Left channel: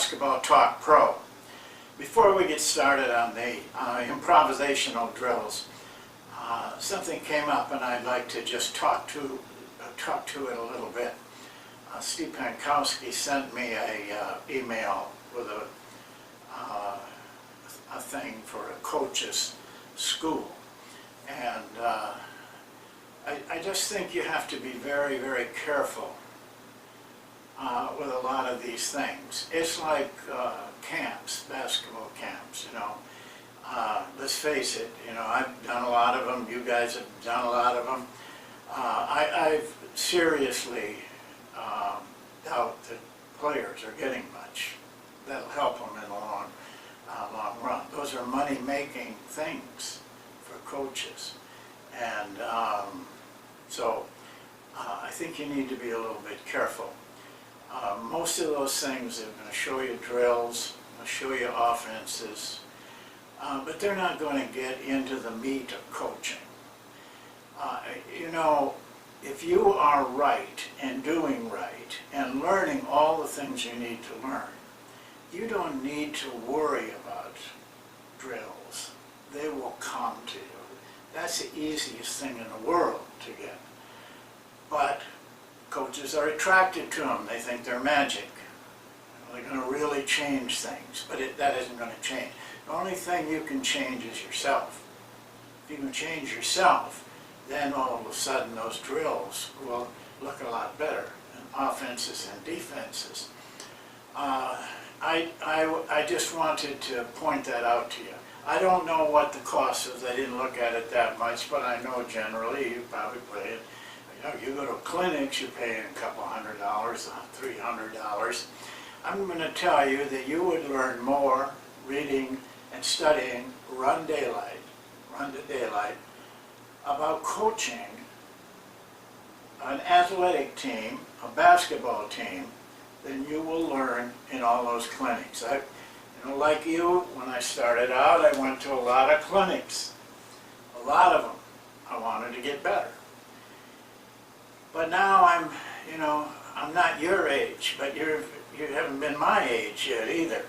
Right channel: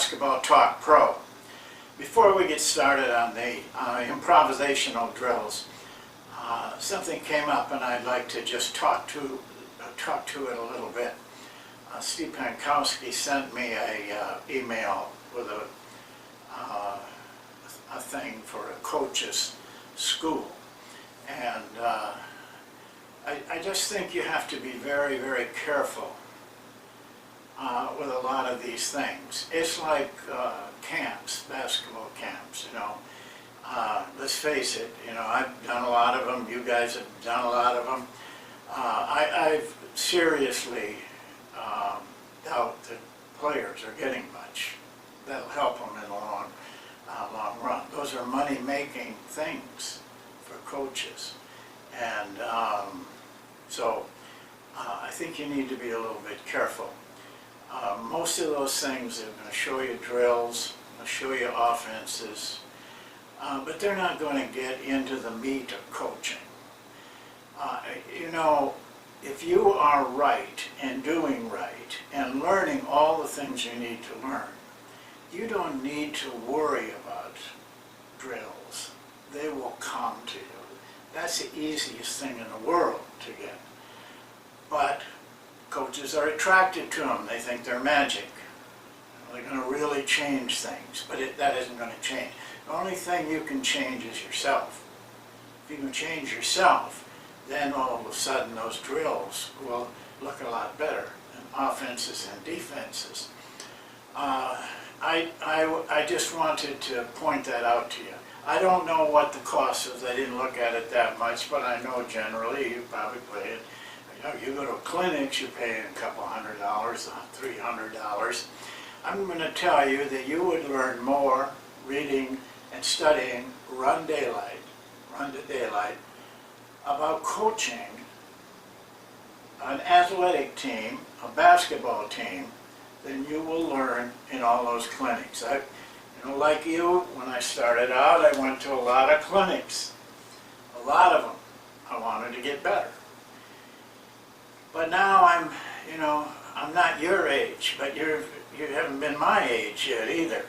Basketball Talk Pro. Before we get started on the improvisational drills, something came up and I'd like to just talk to it a little bit. Steve Pankowski sent me a email with a thing for a coach's school, and I just think you have to be very, very careful with a lot of these things. It's like camps, basketball camps, you know. Let's face it, you know, I've done a lot of them, you guys have done a lot of them. I've seriously doubt that players are getting much. That'll help them in the long run. Those are money-making things for coaches. And so I think you need to be a little bit careful. Most of those things are going to show you drills, they'll show you offenses, but they're not going to get into the meat of coaching. You know, if you are right and doing right and learning all the things you need to learn, you don't need to worry about drills. They will come to you. That's the easiest thing in the world to get. But coaches are attracted to them. They think they're magic. They're going to really change things, but that isn't going to change. The only thing you can change is yourself. If you can change yourself, then all of a sudden those drills will look a lot better, and offenses and defenses. I just wanted to point that out to you. I don't know what the cost is. I didn't look at it that much, but I know generally you probably pay it. You know, you go to clinics, you're paying a couple $100, $300. I'm going to tell you that you would learn more reading and studying run to daylight, about coaching an athletic team, a basketball team, than you will learn in all those clinics. You know, like you, when I started out, I went to a lot of clinics, a lot of them. I wanted to get better. But now I'm not your age, but you haven't been my age yet either.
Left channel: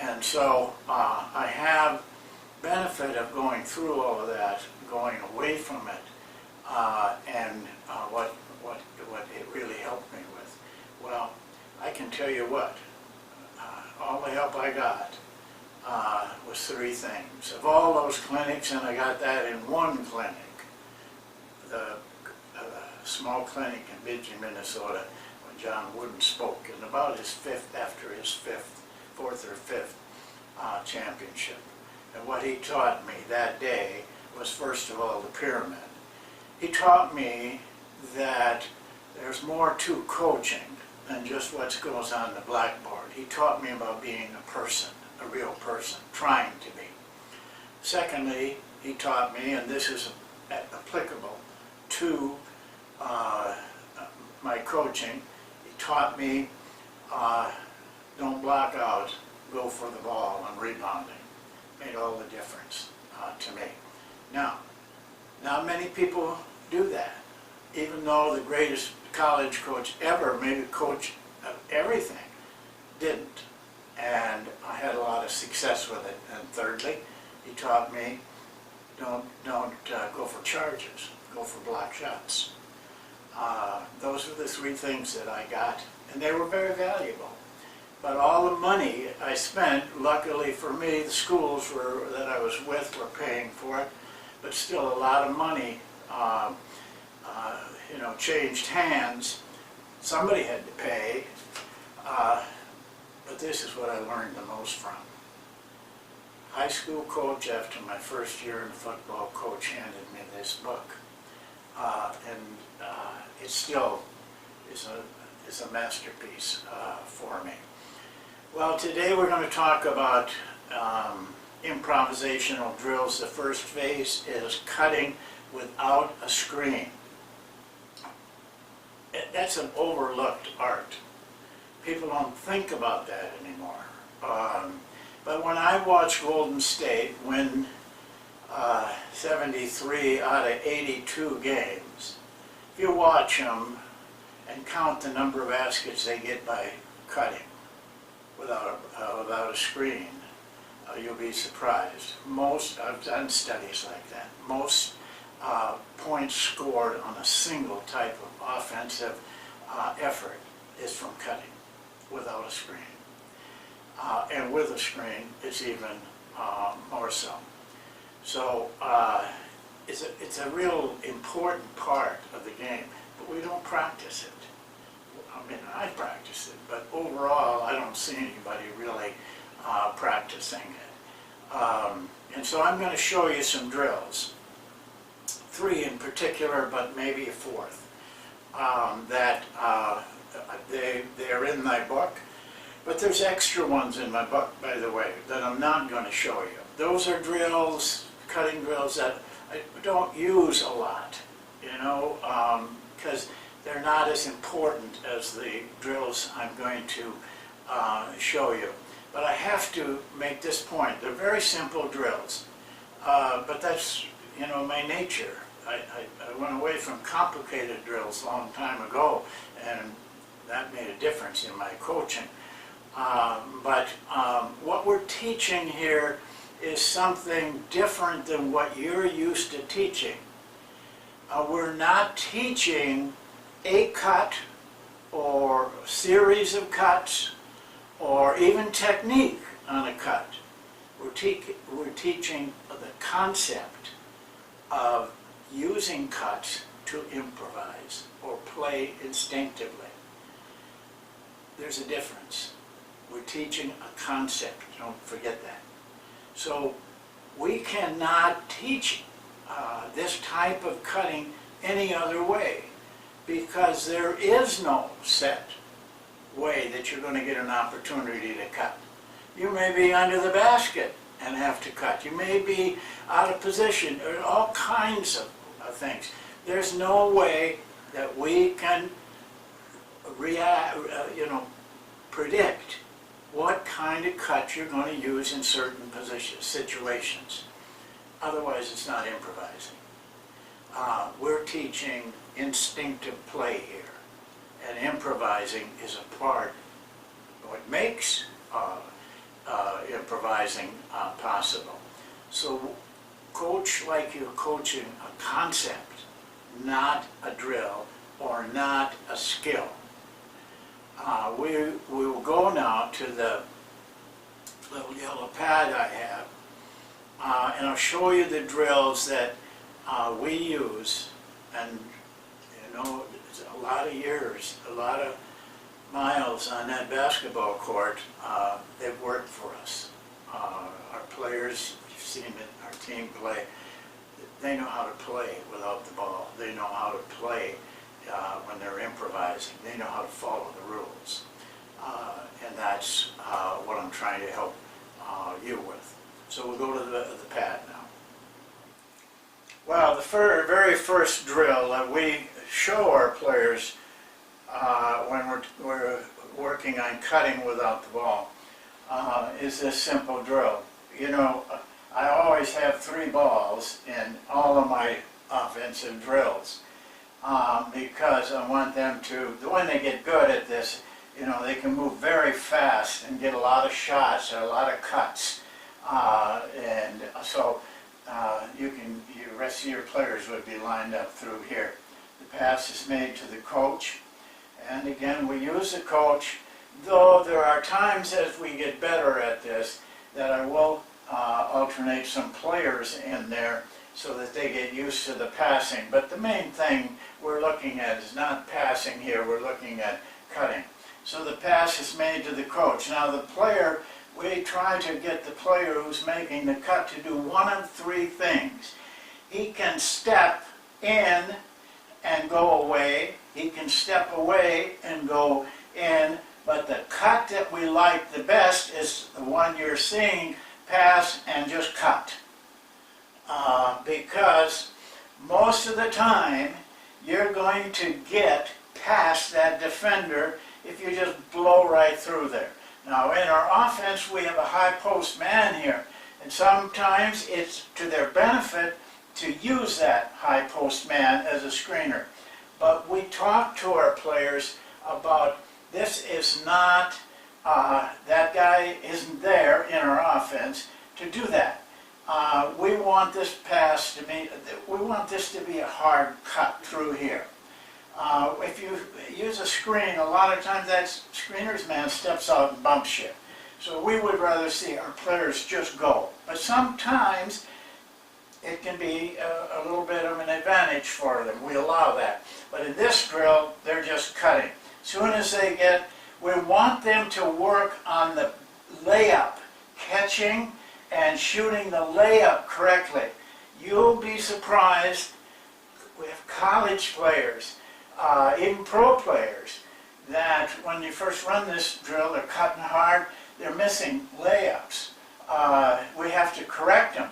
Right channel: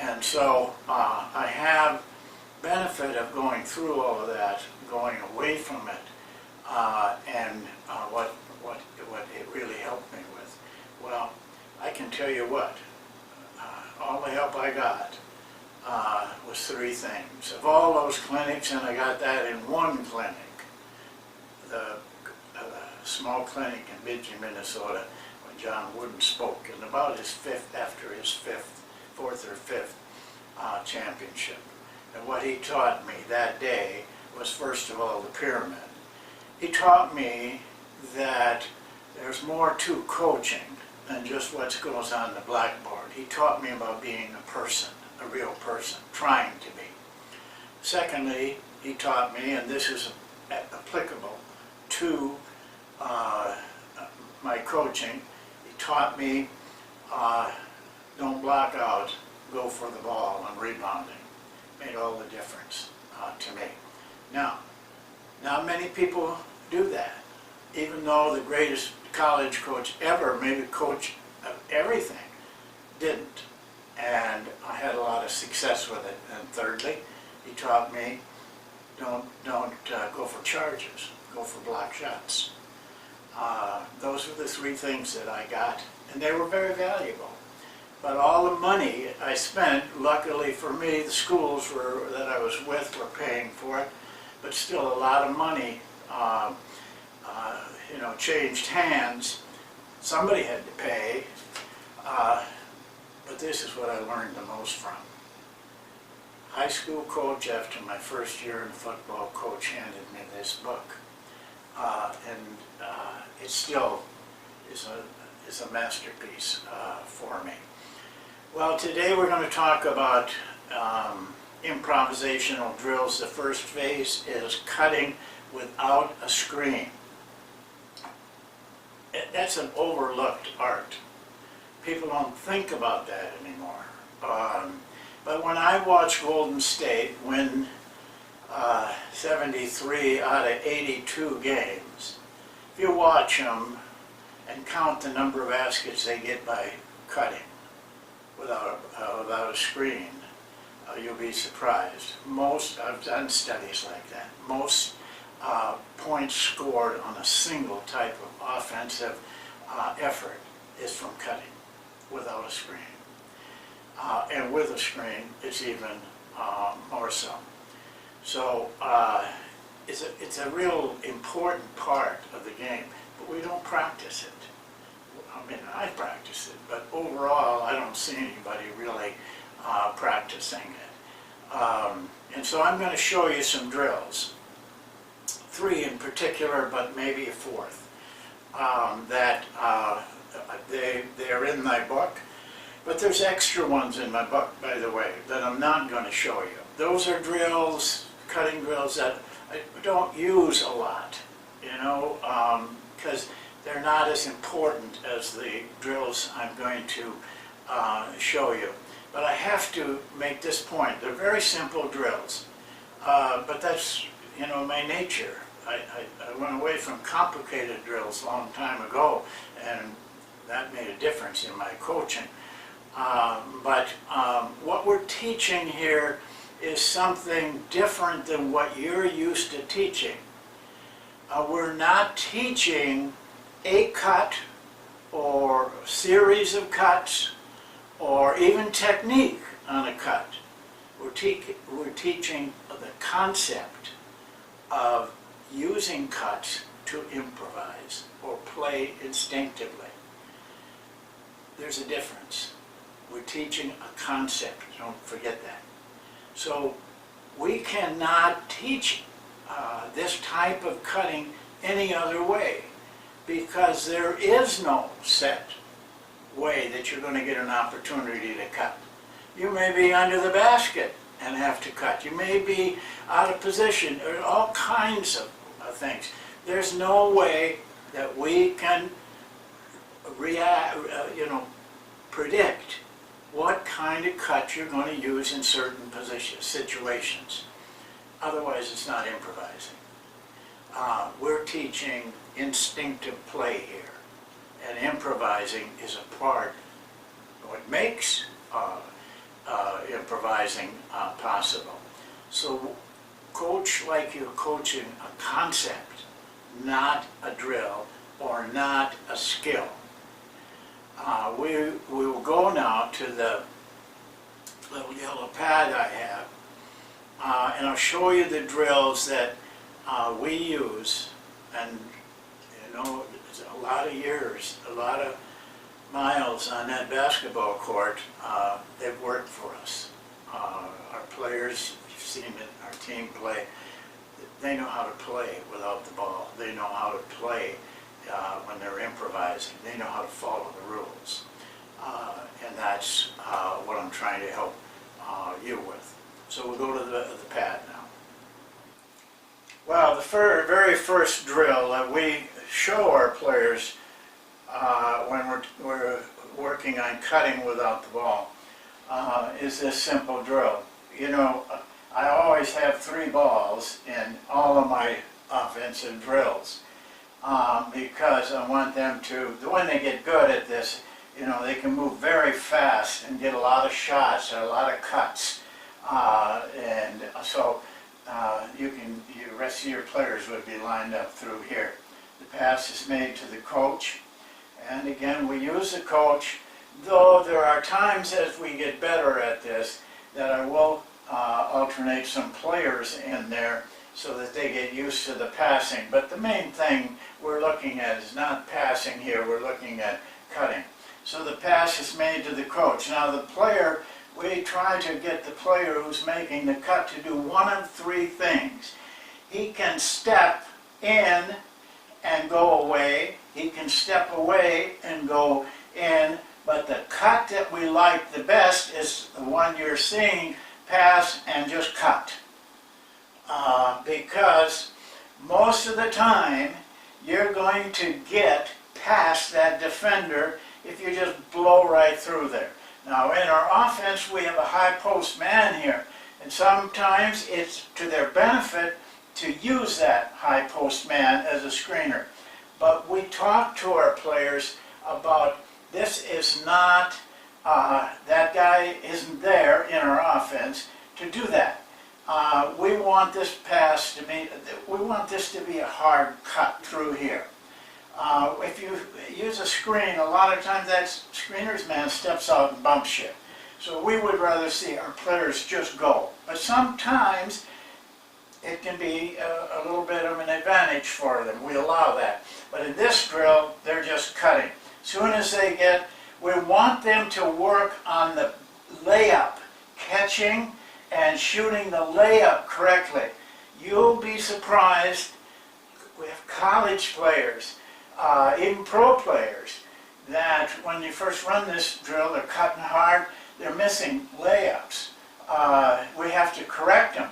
And so I have benefit of going through all of that, going away from it, and what it really helped me with. Well, I can tell you what, all the help I got was three things. Of all those clinics, and I got that in one clinic, the small clinic in Bidgey, Minnesota, when John Wooden spoke, and about after his fourth or fifth championship. And what he taught me that day was, first of all, the pyramid. He taught me that there's more to coaching than just what goes on the blackboard. He taught me about being a person, a real person, trying to be. Secondly, he taught me, and this is applicable to my coaching, he taught me don't block out, go for the ball and rebounding. Made all the difference to me. Now, not many people do that, even though the greatest college coach ever, maybe coach of everything, didn't. And I had a lot of success with it. And thirdly, he taught me don't go for charges, go for block shots. Those were the three things that I got, and they were very valuable. But all the money I spent, luckily for me, the schools that I was with were paying for it, but still a lot of money, changed hands. Somebody had to pay, but this is what I learned the most from. High school coach, after my first year in football, coach handed me this book, and it still is a masterpiece for me. Well, today we're going to talk about improvisational drills. The first phase is cutting without a screen. That's an overlooked art. People don't think about that anymore. But when I watched Golden State win 73 out of 82 games, if you watch them and count the number of baskets they get by cutting without a screen, you'll be surprised. I've done studies like that. Most points scored on a single type of offensive effort is from cutting without a screen. And with a screen, it's even more so. So it's a real important part of the game, but we don't practice it. I mean, I practice it, but overall, I don't see anybody really practicing it. And so I'm going to show you some drills, 3 in particular, but maybe a 4th, that they're in my book. But there's extra ones in my book, by the way, that I'm not going to show you. Those are drills, cutting drills that I don't use a lot, you know, because they're not as important as the drills I'm going to show you. But I have to make this point. They're very simple drills, but that's, you know, my nature. I went away from complicated drills a long time ago, and that made a difference in my coaching. But what we're teaching here is something different than what you're used to teaching. We're not teaching a cut or a series of cuts or even technique on a cut. We're teaching the concept of using cuts to improvise or play instinctively. There's a difference. We're teaching a concept, don't forget that. So we cannot teach this type of cutting any other way, because there is no set way that you're going to get an opportunity to cut. You may be under the basket and have to cut. You may be out of position, or all kinds of things. There's no way that we can predict what kind of cut you're going to use in certain situations. Otherwise, it's not improvising. We're teaching instinctive play here, and improvising is a part of what makes improvising possible. So coach like you're coaching a concept, not a drill or not a skill. We will go now to the little yellow pad I have, and I'll show you the drills that we use. And you know, it's a lot of years, a lot of miles on that basketball court. They've worked for us. Our players, you've seen it, our team play. They know how to play without the ball. They know how to play when they're improvising. They know how to follow the rules. And that's what I'm trying to help you with. So we'll go to the pad now. Well, the very first drill that we show our players when we're working on cutting without the ball is this simple drill. You know, I always have 3 balls in all of my offensive drills. Because I want them to, when they get good at this, you know, they can move very fast and get a lot of shots and a lot of cuts. And so the rest of your players would be lined up through here. The pass is made to the coach. And again, we use the coach, though there are times as we get better at this that I will alternate some players in there so that they get used to the passing. But the main thing we're looking at is not passing here, we're looking at cutting. So the pass is made to the coach. Now the player, we try to get the player who's making the cut to do one of 3 things. He can step in and go away, he can step away and go in, but the cut that we like the best is the one you're seeing, pass and just cut. Because most of the time you're going to get past that defender if you just blow right through there. Now in our offense we have a high post man here, and sometimes it's to their benefit to use that high post man as a screener. But we talk to our players about this is not that guy isn't there in our offense to do that. We want this pass to be, we want this to be a hard cut through here. If you use a screen, a lot of times that screener's man steps out and bumps you. So we would rather see our players just go. But sometimes it can be a little bit of an advantage for them. We allow that. But in this drill, they're just cutting. As soon as they get, we want them to work on the layup, catching and shooting the layup correctly. You'll be surprised, we have college players, even pro players, that when you first run this drill, they're cutting hard, they're missing layups. We have to correct them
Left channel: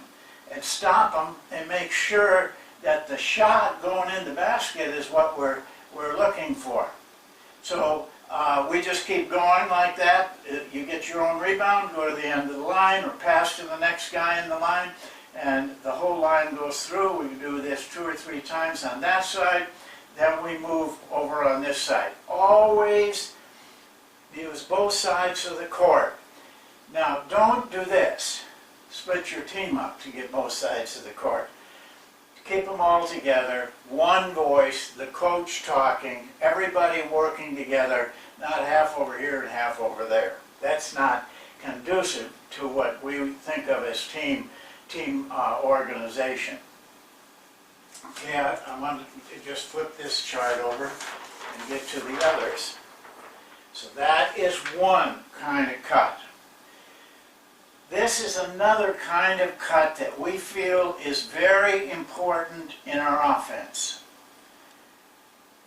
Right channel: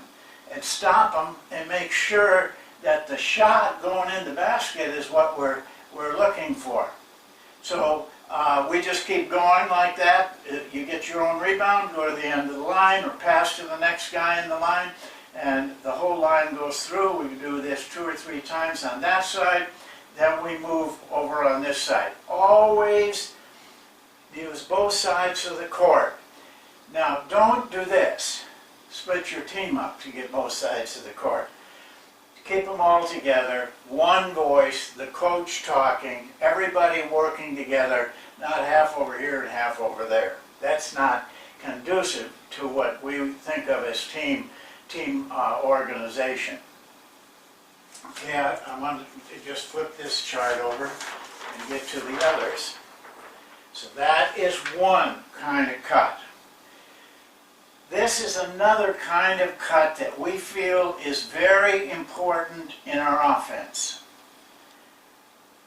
and stop them and make sure that the shot going in the basket is what we're looking for. So we just keep going like that. You get your own rebound, go to the end of the line or pass to the next guy in the line, and the whole line goes through. We do this 2 or 3 times on that side, then we move over on this side. Always use both sides of the court. Now don't do this. Split your team up to get both sides of the court. Keep them all together, one voice, the coach talking, everybody working together, not half over here and half over there. That's not conducive to what we think of as team organization. Okay, I want to just flip this chart over and get to the others. So that is one kind of cut. This is another kind of cut that we feel is very important in our offense.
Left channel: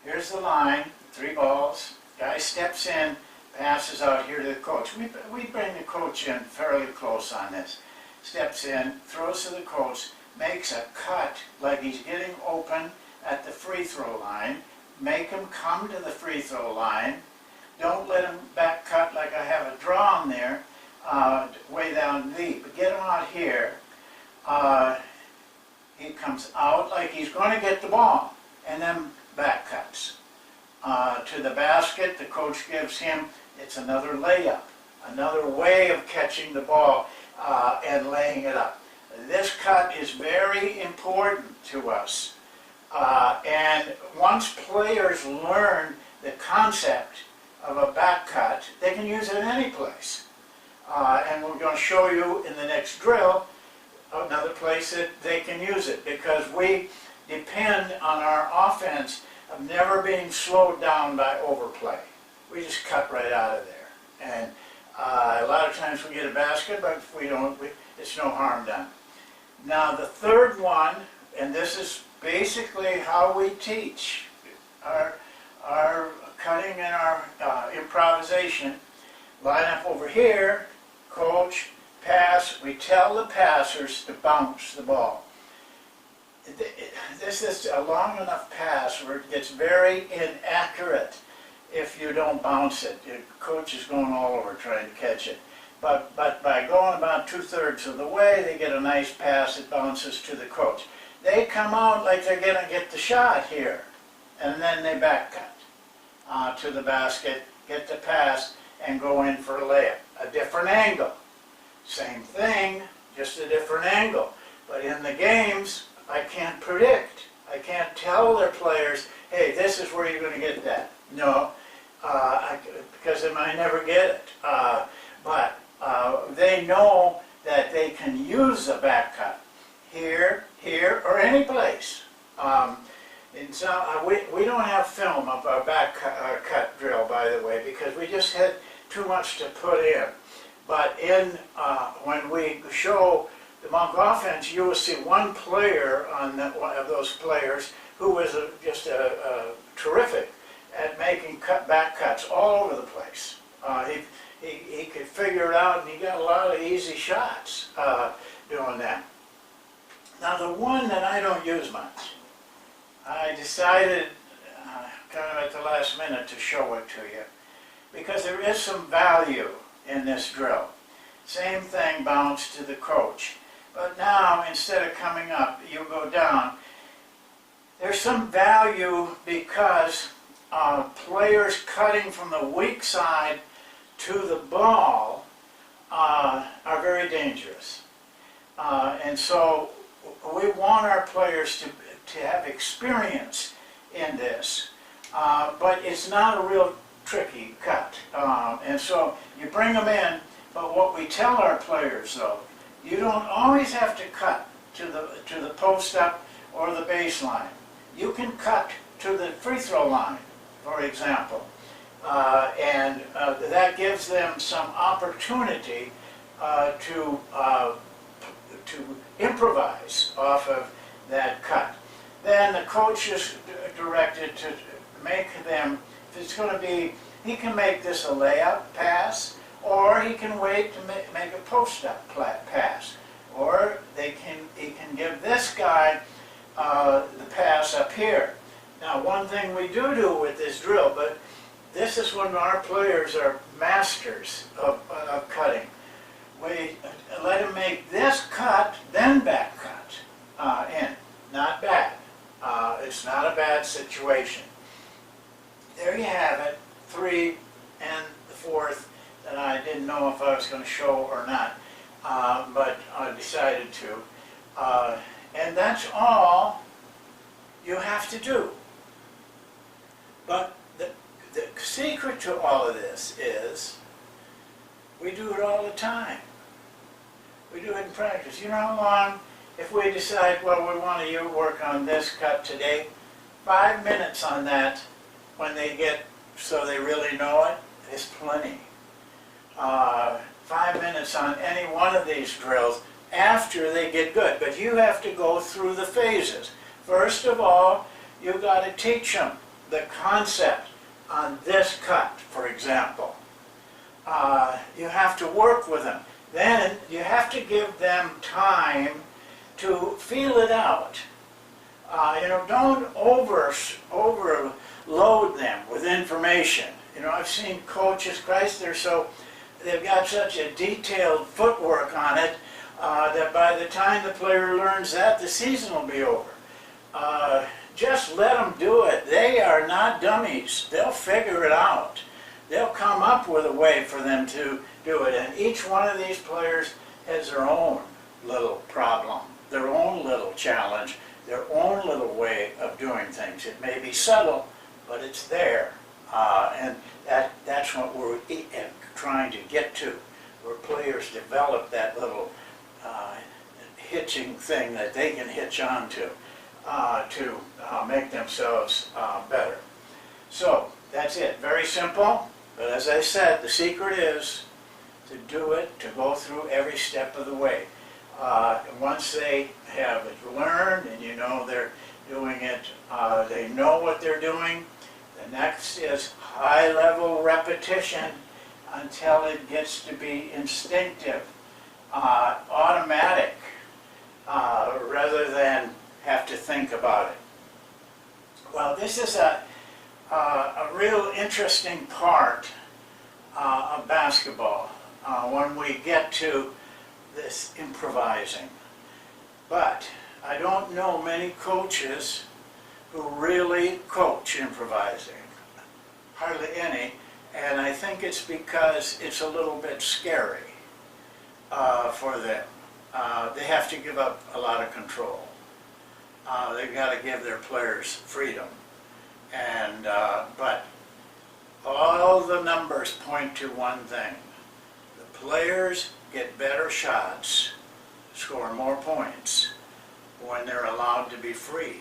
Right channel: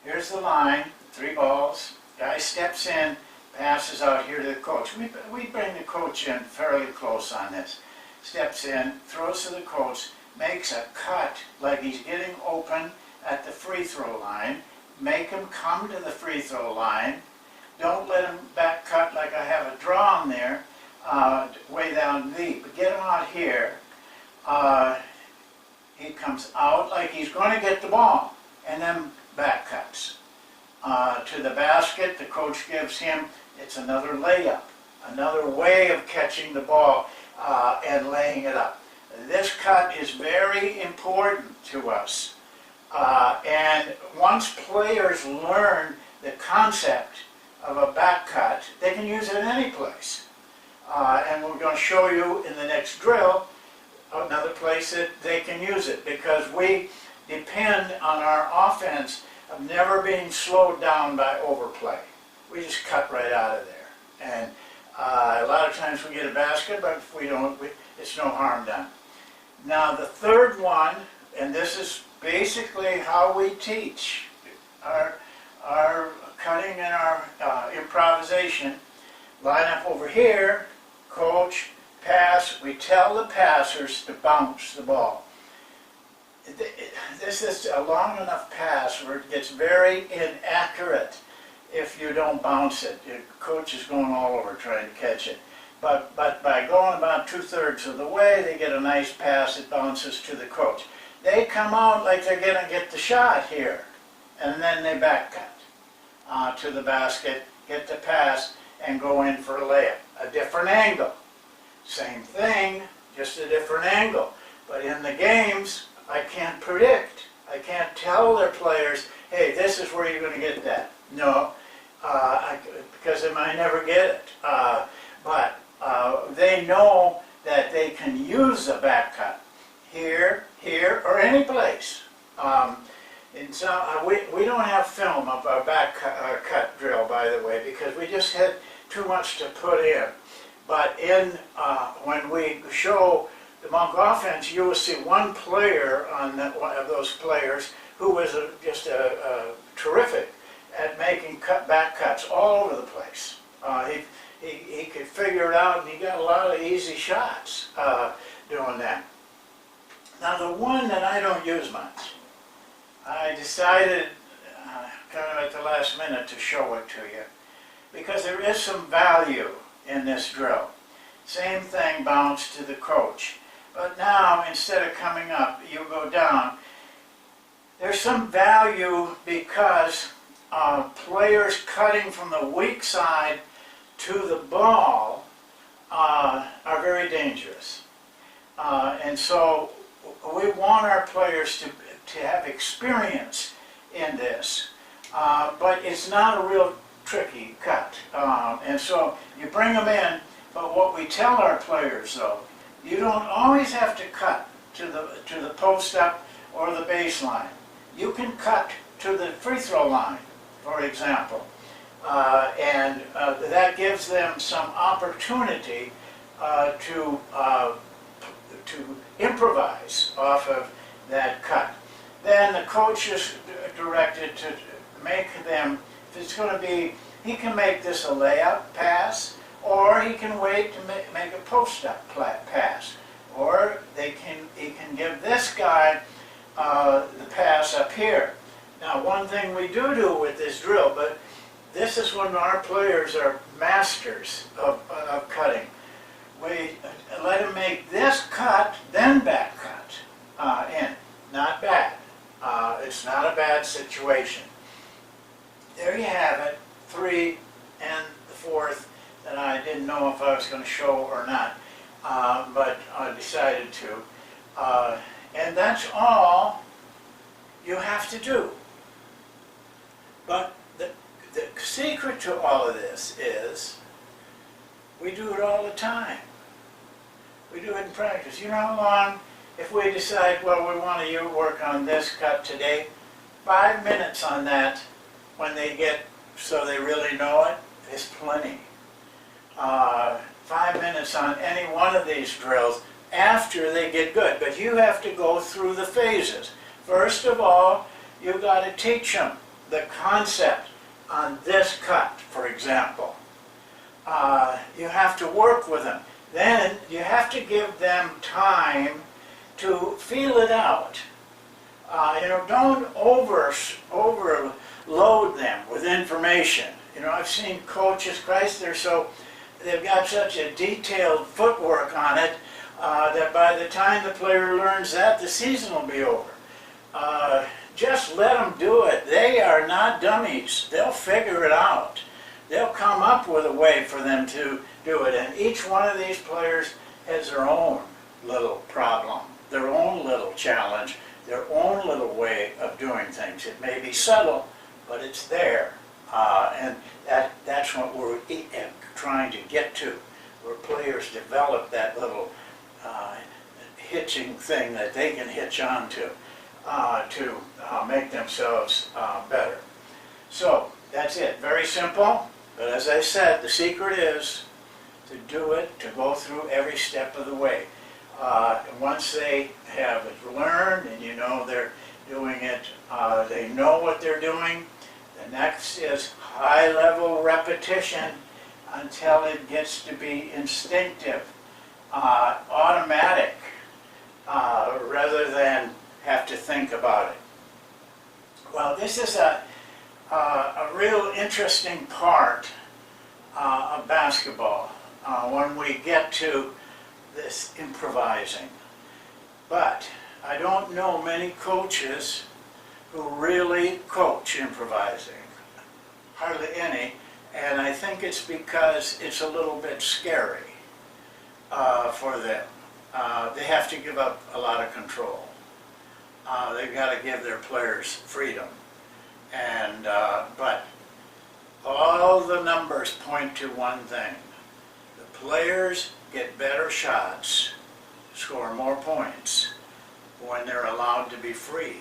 Here's the line, 3 balls, guy steps in, passes out here to the coach. We bring the coach in fairly close on this. Steps in, throws to the coach, makes a cut like he's getting open at the free throw line. Make him come to the free throw line. Don't let him back cut like I have a draw on there. Way down deep, but get him out here. He comes out like he's going to get the ball, and then back cuts to the basket. The coach gives him, it's another layup, another way of catching the ball and laying it up. This cut is very important to us, and once players learn the concept of a back cut, they can use it any place. And we're going to show you in the next drill another place that they can use it, because we depend on our offense of never being slowed down by overplay. We just cut right out of there. And a lot of times we get a basket, but if we don't, it's no harm done. Now the third one, and this is basically how we teach our cutting and our improvisation. Line up over here, coach, pass. We tell the passers to bounce the ball. This is a long enough pass where it gets very inaccurate if you don't bounce it. The coach is going all over trying to catch it. But by going about 2/3 of the way, they get a nice pass that bounces to the coach. They come out like they're going to get the shot here, and then they back cut to the basket, get the pass, and go in for a layup. A different angle. Same thing, just a different angle. But in the games, I can't predict. I can't tell their players, hey, this is where you're going to get that. No, because they might never get it. But they know that they can use a back cut here, or any place. And so we don't have film of our back cut drill, by the way, because we just had too much to put in. But when we show the Monk offense, you will see one player on one of those players who was just terrific at making back cuts all over the place. He could figure it out, and he got a lot of easy shots doing that. Now the one that I don't use much, I decided kind of at the last minute to show it to you, because there is some value in this drill. Same thing, bounce to the coach. But now, instead of coming up, you go down. There's some value because players cutting from the weak side to the ball are very dangerous. And so we want our players to have experience in this, but it's not a real tricky cut. And so you bring them in, but what we tell our players though, you don't always have to cut to the post-up or the baseline. You can cut to the free throw line, for example, and that gives them some opportunity to improvise off of that cut. Then the coach is directed to make them, if it's going to be, he can make this a layup pass, or he can wait to make a post-up pass, or he can give this guy the pass up here. Now, one thing we do with this drill, but this is when our players are masters of cutting. We let him make this cut, then back cut in. Not bad. It's not a bad situation. There you have it, 3 and the 4th that I didn't know if I was going to show or not, but I decided to. And that's all you have to do. But the secret to all of this is we do it all the time. We do it in practice. You know how long, if we decide, well, we want to work on this cut today, 5 minutes on that when they get, so they really know it, is plenty. 5 minutes on any one of these drills after they get good. But you have to go through the phases. First of all, you've got to teach them the concept on this cut, for example. You have to work with them. Then you have to give them time to feel it out. Don't overload them with information. I've seen coaches, Christ, they've got such a detailed footwork on it that by the time the player learns that, the season will be over. Just let them do it. They are not dummies. They'll figure it out. They'll come up with a way for them to do it. And each one of these players has their own little problem, their own little challenge, their own little way of doing things. It may be subtle, but it's there. And that's what we're trying to get to, where players develop that little hitching thing that they can hitch onto to make themselves better. So that's it. Very simple, but as I said, the secret is to do it, to go through every step of the way. Once they have it learned and they're doing it, they know what they're doing, the next is high-level repetition until it gets to be instinctive, automatic, rather than have to think about it. Well, this is a real interesting part of basketball when we get to this improvising. But I don't know many coaches who really coach improvising. Hardly any. And I think it's because it's a little bit scary for them. They have to give up a lot of control. They've got to give their players freedom. And but all the numbers point to one thing. The players get better shots, score more points when they're allowed to be free.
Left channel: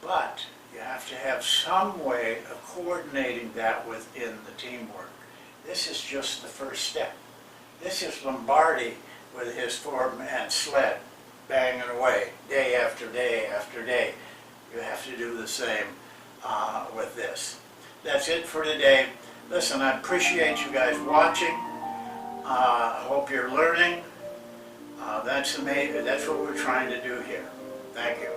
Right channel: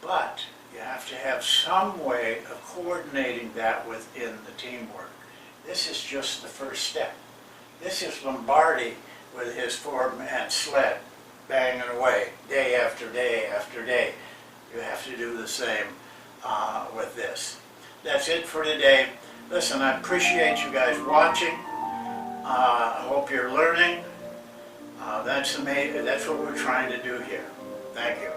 But you have to have some way of coordinating that within the teamwork. This is just the first step. This is Lombardi with his 4-man sled banging away day after day after day. You have to do the same with this. That's it for today. Listen, I appreciate you guys watching. I hope you're learning. That's what we're trying to do here. Thank you.